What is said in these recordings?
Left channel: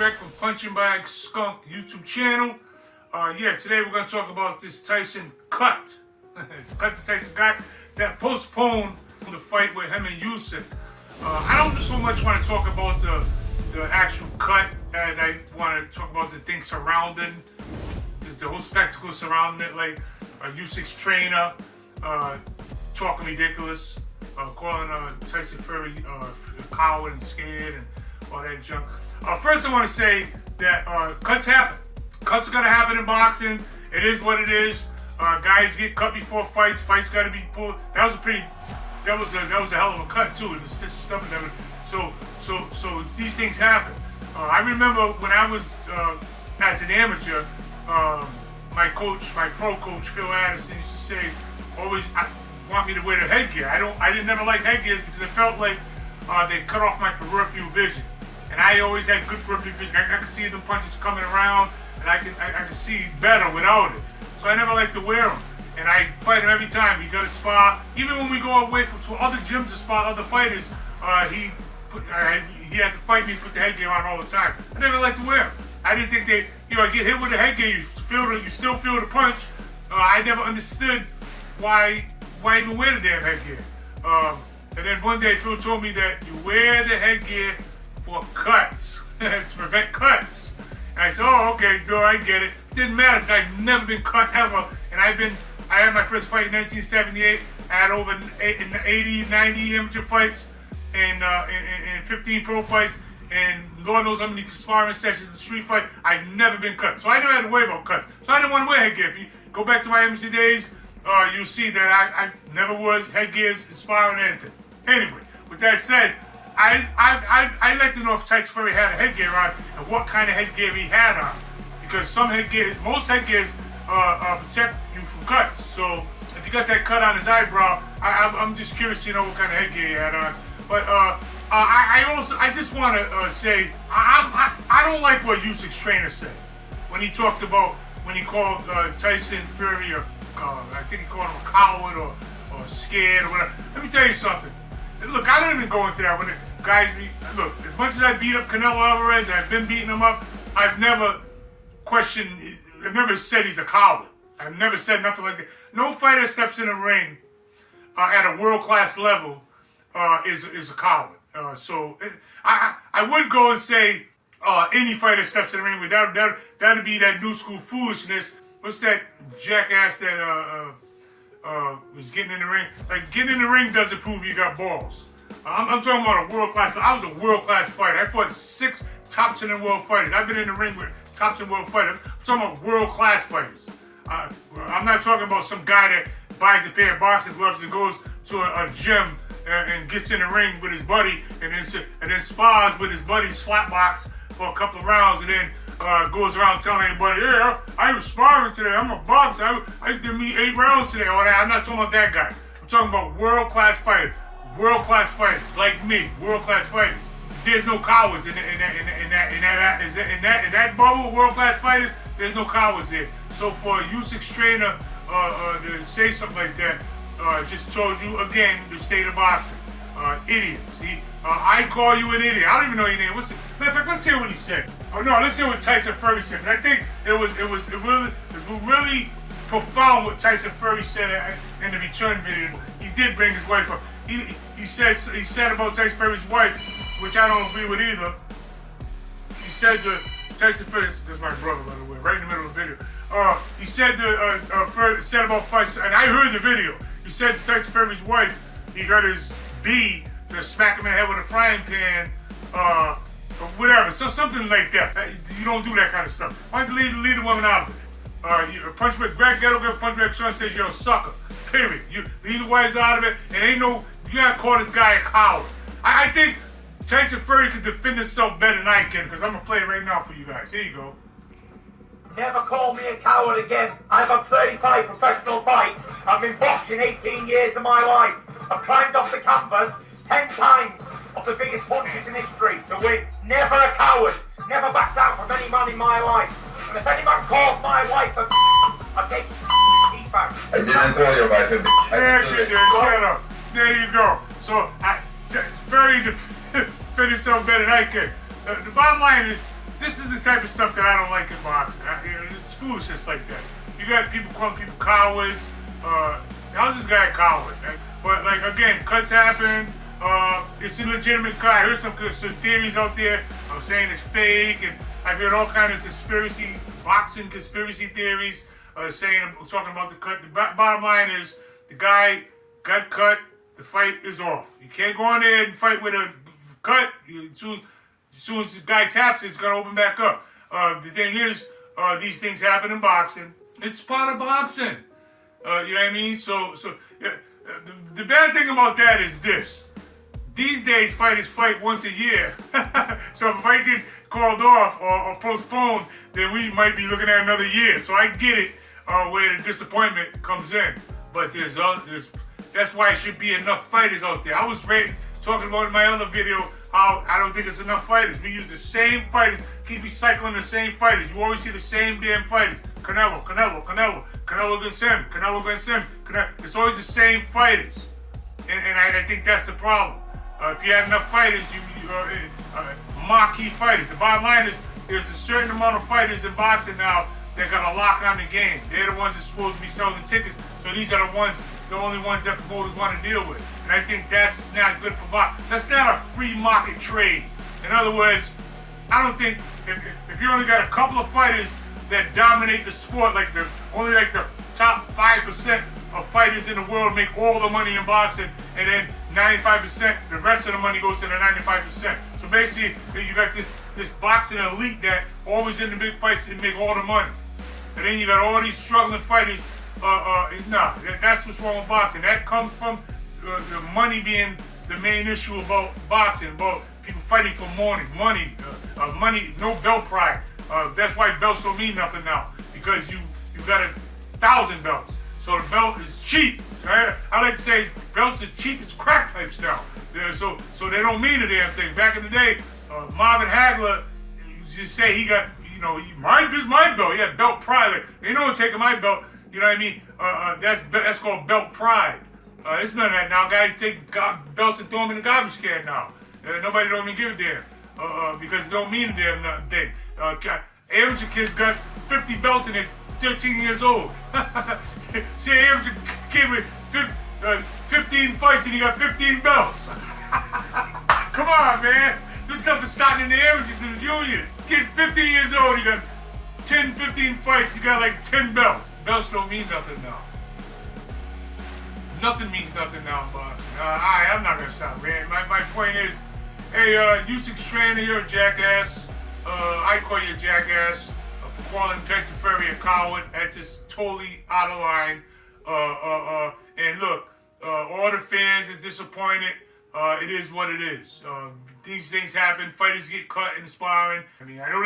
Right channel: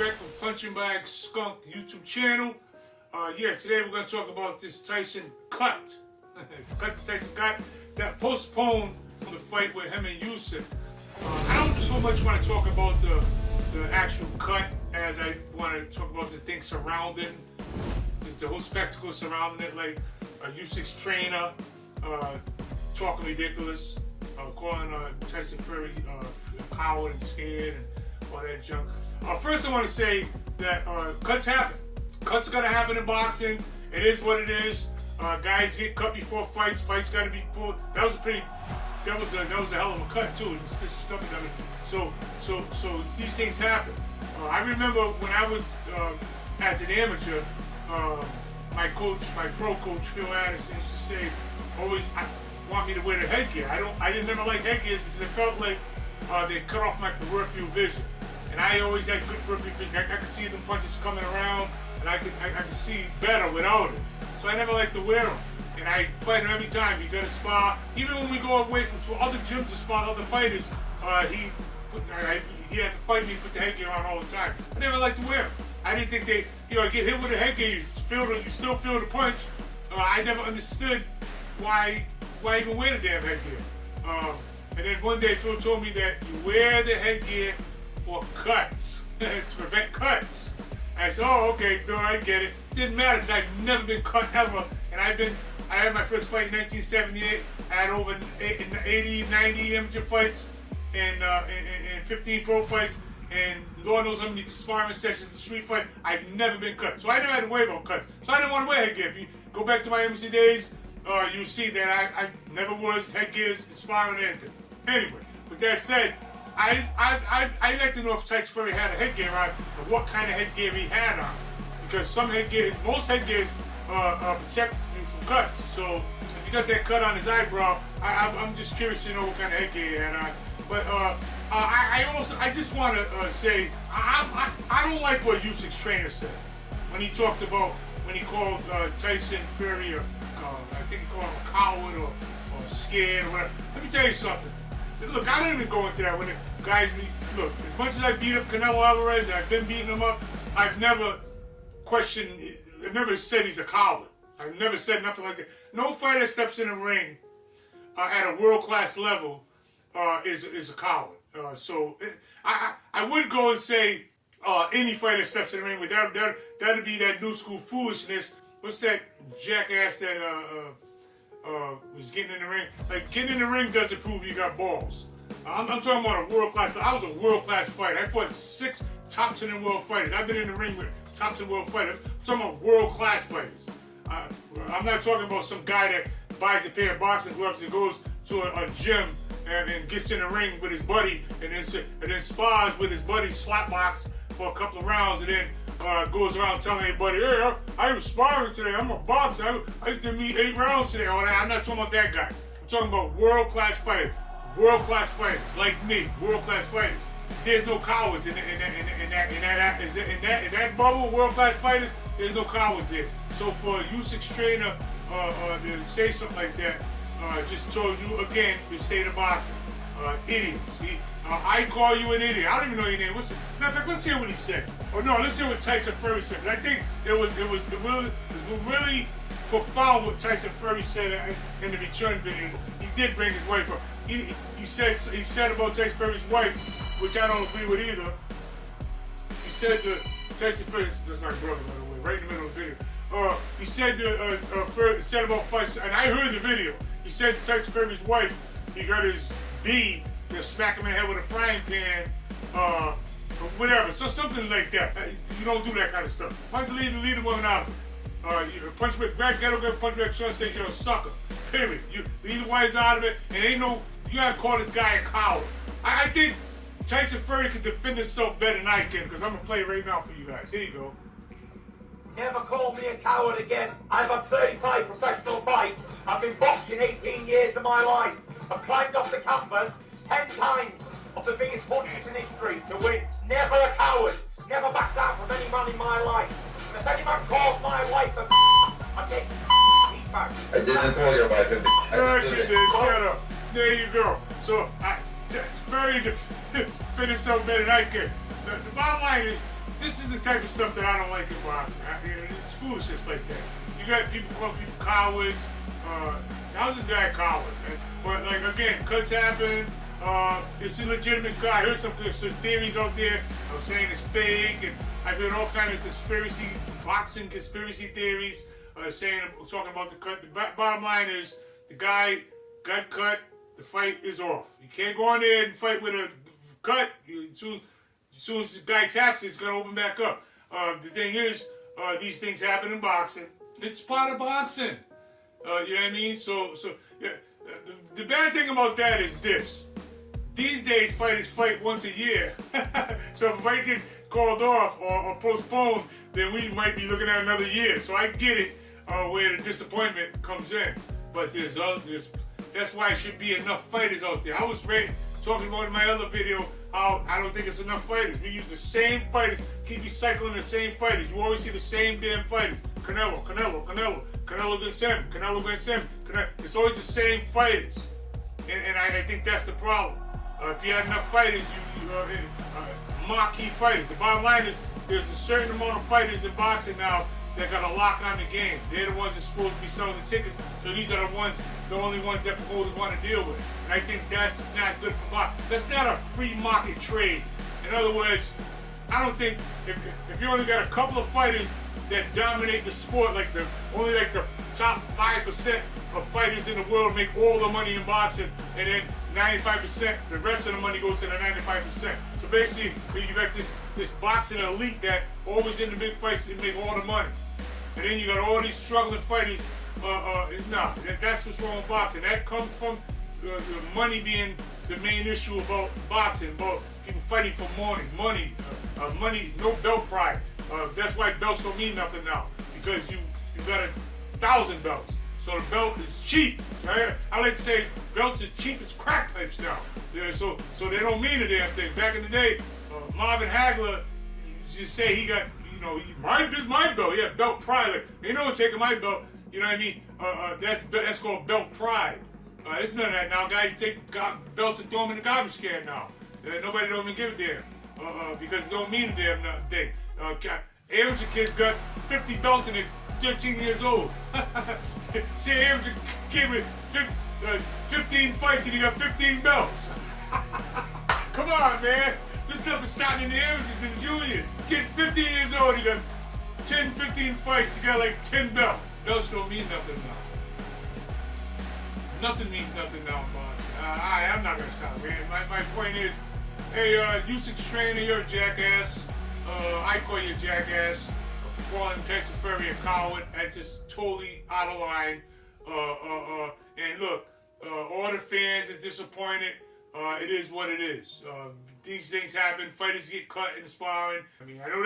Greg from Punchingbagskunk YouTube channel. Today we're going to talk about this Tyson cut. The cut that Tyson got that postponed the fight with him and Usyk. I don't so much want to talk about the actual cut as I want to talk about the things surrounding, the whole spectacle surrounding it, like Usyk's trainer talking ridiculous, calling Tyson Fury a coward and scared and all that junk. First I want to say that cuts happen. Cuts are going to happen in boxing. It is what it is. Guys get cut before fights. Fights got to be pulled. That was a hell of a cut too. The stitch stuff and everything. So these things happen. I remember when I was as an amateur, my pro coach Phil Addison used to say, always want me to wear the headgear. I didn't never like headgears because it felt like they cut off my peripheral vision. And I always had good peripheral vision. I could see them punches coming around, and I could see better without it. So I never liked to wear them. And I fight him every time. He got to spar. Even when we go away to other gyms to spar other fighters, he had to fight me, put the headgear on all the time. I never liked to wear them. I didn't think I get hit with a headgear, you still feel the punch. I never understood why even wear the damn headgear. And then one day Phil told me that you wear the headgear for cuts, to prevent cuts. And I said, oh, okay, good, I get it. It didn't matter because I've never been cut ever. And I had my first fight in 1978. I had over 80, 90 amateur fights and 15 pro fights. And Lord knows how many sparring sessions and street fight. I've never been cut. So I never had to worry about cuts. So I didn't want to wear headgear. If you go back to my amateur days, you'll see that I never was headgears, sparring, anything. Anyway, with that said, I'd like to know if Tyson Fury had a headgear on and what kind of headgear he had on. Because most headgears protect you from cuts. So if you got that cut on his eyebrow, I'm just curious to know what kind of headgear he had on. But I just want to say, I don't like what Usyk's trainer said when he talked about, when he called Tyson Fury I think he called him a coward or scared or whatever. Let me tell you something. Look, I don't even go into that when guys look, as much as I beat up Canelo Alvarez, I've been beating him up, I've never said he's a coward. I've never said nothing like that. No fighter steps in the ring at a world-class level is a coward. I would go and say any fighter steps in the ring with that'd be that new school foolishness. What's that jackass that was getting in the ring? Like, getting in the ring doesn't prove you got balls. I'm talking about a world-class. I was a world-class fighter. I fought 6 top 10 world fighters. I've been in the ring with top 10 world fighters. I'm talking about world-class fighters. I'm not talking about some guy that buys a pair of boxing gloves and goes to a gym and gets in the ring with his buddy and then spars with his buddy slapbox for a couple of rounds and then goes around telling everybody, yeah, I was sparring today. I'm a boxer. I did me 8 rounds today. I'm not talking about that guy. I'm talking about world-class fighters. World-class fighters like me. World-class fighters. There's no cowards in that bubble. World-class fighters. There's no cowards there. So for Usyk's trainer to say something like that, just told you again the state of boxing. Idiots. I call you an idiot. I don't even know your name. Matter of fact, let's hear what he said. Oh no, let's hear what Tyson Fury said. I think it was really profound what Tyson Fury said in the return video. He did bring his wife up. He said about Tyson Fury's wife, which I don't agree with either. He said that Tyson Fury, that's my brother by the way, right in the middle of the video. He said said about fights, and I heard the video. He said to Tyson Fury's wife, he got his B to smack him in the head with a frying pan, or whatever, so something like that. You don't do that kind of stuff. Why don't you leave the woman out of it? Greg Ghetto Punchback Sean says you're a sucker. Period. You leave the wives out of it, and you gotta call this guy a coward. I think Tyson Fury could defend himself better than I can, because I'm gonna play it right now for you guys. Here you go. Never call me a coward again. I've had 35 professional fights. I've been boxing 18 years of my life. I've climbed off the canvas 10 times of the biggest punches in history to win. Never a coward. Never backed down from any man in my life. And if any man calls my wife a I take his teeth back. I didn't call your wife a bitch. Yeah, she did. Shut up. There you go. So, Fury defended himself better than I can. The bottom line is, this is the type of stuff that I don't like in boxing. It's foolishness like that. You got people calling people cowards. How's this guy a coward? But like again, cuts happen. It's a legitimate guy. I heard some theories out there. I'm saying it's fake, and I've heard all kind of boxing conspiracy theories. Talking about the cut. The bottom line is the guy got cut. The fight is off. You can't go on there and fight with a cut. As soon as the guy taps it, it's gonna open back up. The thing is, these things happen in boxing. It's part of boxing. You know what I mean? So the bad thing about that is this. These days, fighters fight once a year. So if a fight gets called off or postponed, then we might be looking at another year. So I get it where the disappointment comes in. But that's why it should be enough fighters out there. I was talking about in my other video how I don't think it's enough fighters. We use the same fighters, keep recycling the same fighters. You always see the same damn fighters. Canelo against him, Canelo against him. It's always the same fighters. And I think that's the problem. If you have enough fighters, marquee fighters. The bottom line is there's a certain amount of fighters in boxing now that got a lock on the game. They're the ones that's supposed to be selling the tickets. So these are the only ones that promoters want to deal with. And I think that's not good for boxing. That's not a free market trade. In other words, I don't think if you only got a couple of fighters that dominate the sport, only the top 5% of fighters in the world make all the money in boxing, and then 95%, the rest of the money goes to the 95%. So basically, you got this boxing elite that always in the big fights and make all the money. And then you got all these struggling fighters. That's what's wrong with boxing. That comes from the money being the main issue about boxing, about people fighting for money, no belt pride. That's why belts don't mean nothing now, because you got 1,000 belts. So the belt is cheap. I like to say belts are cheap as crack pipes now. So they don't mean a damn thing. Back in the day, Marvin Hagler just say he got, this is my belt. Yeah, belt pride. Like, ain't no one taking my belt. You know what I mean? That's called belt pride. It's none of that now. Guys take belts and throw them in the garbage can now. Nobody don't even give a damn because it don't mean a damn thing. Amateur kids got 50 belts and they're 13 years old. See, an amateur kid with 15 fights and he got 15 belts. Come on, man. This stuff is starting in the amateurs and the juniors. Kid's 15 years old, he got 10, 15 fights, he got like 10 belts. Belts don't mean nothing now. Nothing means nothing now in boxing. I'm not gonna stop, man. My point is, hey, Usyk trainer, you're a jackass. I call you a jackass for calling Tyson Fury a coward. That's just totally out of line. And look, all the fans is disappointed. It is what it is. These things happen. Fighters get cut in the sparring. I mean, I know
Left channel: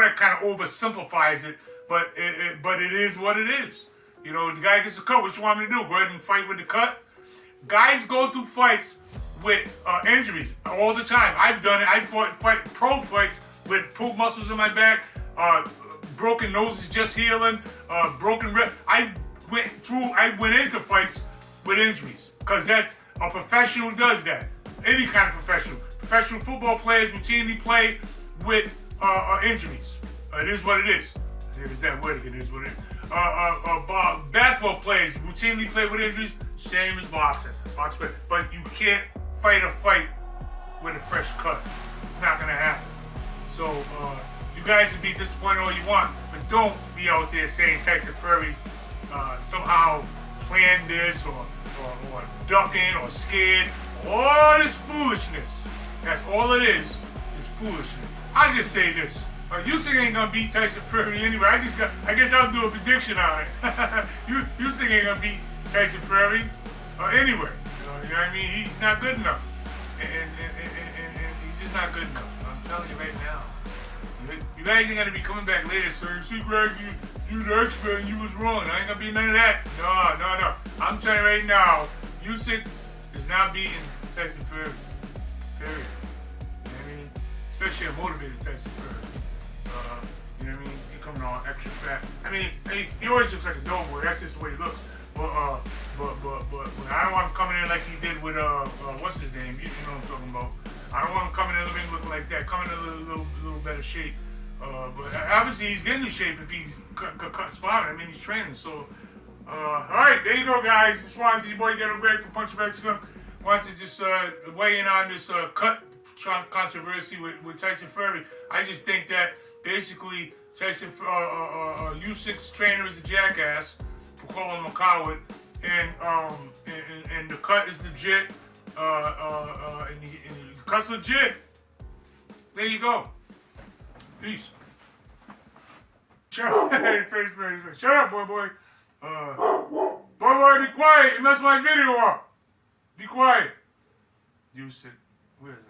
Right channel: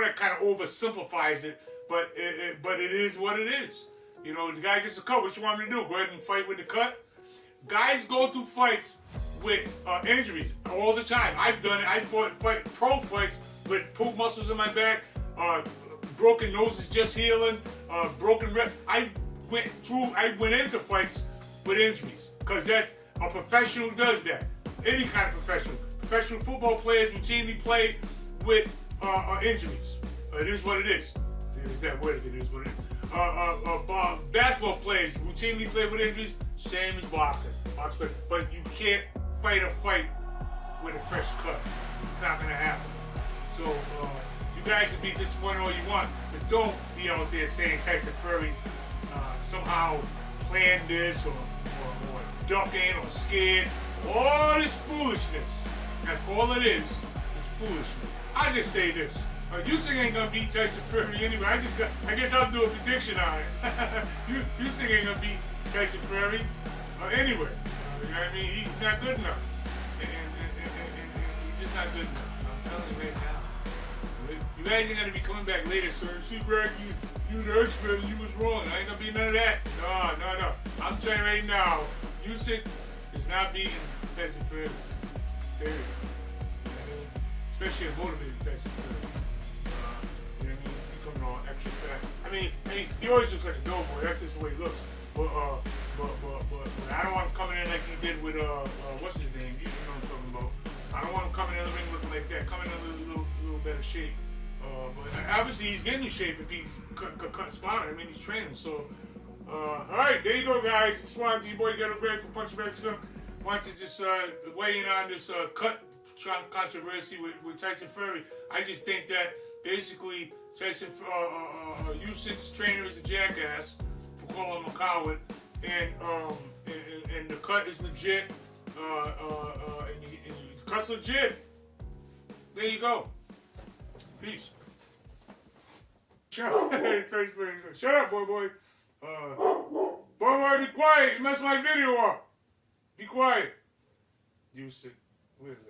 that kind of oversimplifies it, but it is what it is. The guy gets a cut. What you want me to do? Go ahead and fight with the cut? Guys go through fights with injuries all the time. I've done it. I fight pro fights with pulled muscles in my back, broken noses just healing, broken rib. I went into fights with injuries because that's a professional does that. Any kind of professional. Professional football players routinely play with injuries. It is what it is. There's that word again. It is what it is. Basketball players routinely play with injuries. Same as boxing. But you can't fight a fight with a fresh cut. It's not gonna happen. So you guys can be disappointed all you want, but don't be out there saying Tyson Fury's somehow planned this or ducking or scared. All this foolishness. That's all it is foolishness. I just say this. Usyk ain't gonna beat Tyson Fury anyway. I guess I'll do a prediction on it. Usyk ain't gonna beat Tyson Fury anyway. You know what I mean? He's not good enough. And he's just not good enough. I'm telling you right now. You guys ain't gonna be coming back later, sir. See, Greg, you the expert and you was wrong. I ain't gonna be none of that. No. I'm telling you right now, Usyk is not beating Tyson Fury. Period. You know what I mean? Especially a motivated Tyson Fury. You know what I mean? He coming all extra fat. I mean, he always looks like a dope boy. That's just the way he looks. But I don't want him coming in like he did with what's his name? You know what I'm talking about. I don't want him coming in the ring looking like that. Coming in a little better shape. But obviously he's getting in shape if he's cut sparring. I mean, he's training. So, all right, there you go, guys. Just wanted to, your boy Ghetto Great from Punchingbagskunk. Wanted to just weigh in on this cut controversy with Tyson Fury. I just think that basically Tyson Usyk's trainer is a jackass for calling him a coward, and the cut is legit. And the cut's legit. There you go. Peace. Shut up. Shut up, boy. Boy, be quiet. You messed my video up. Be quiet. Usyk. Where is that?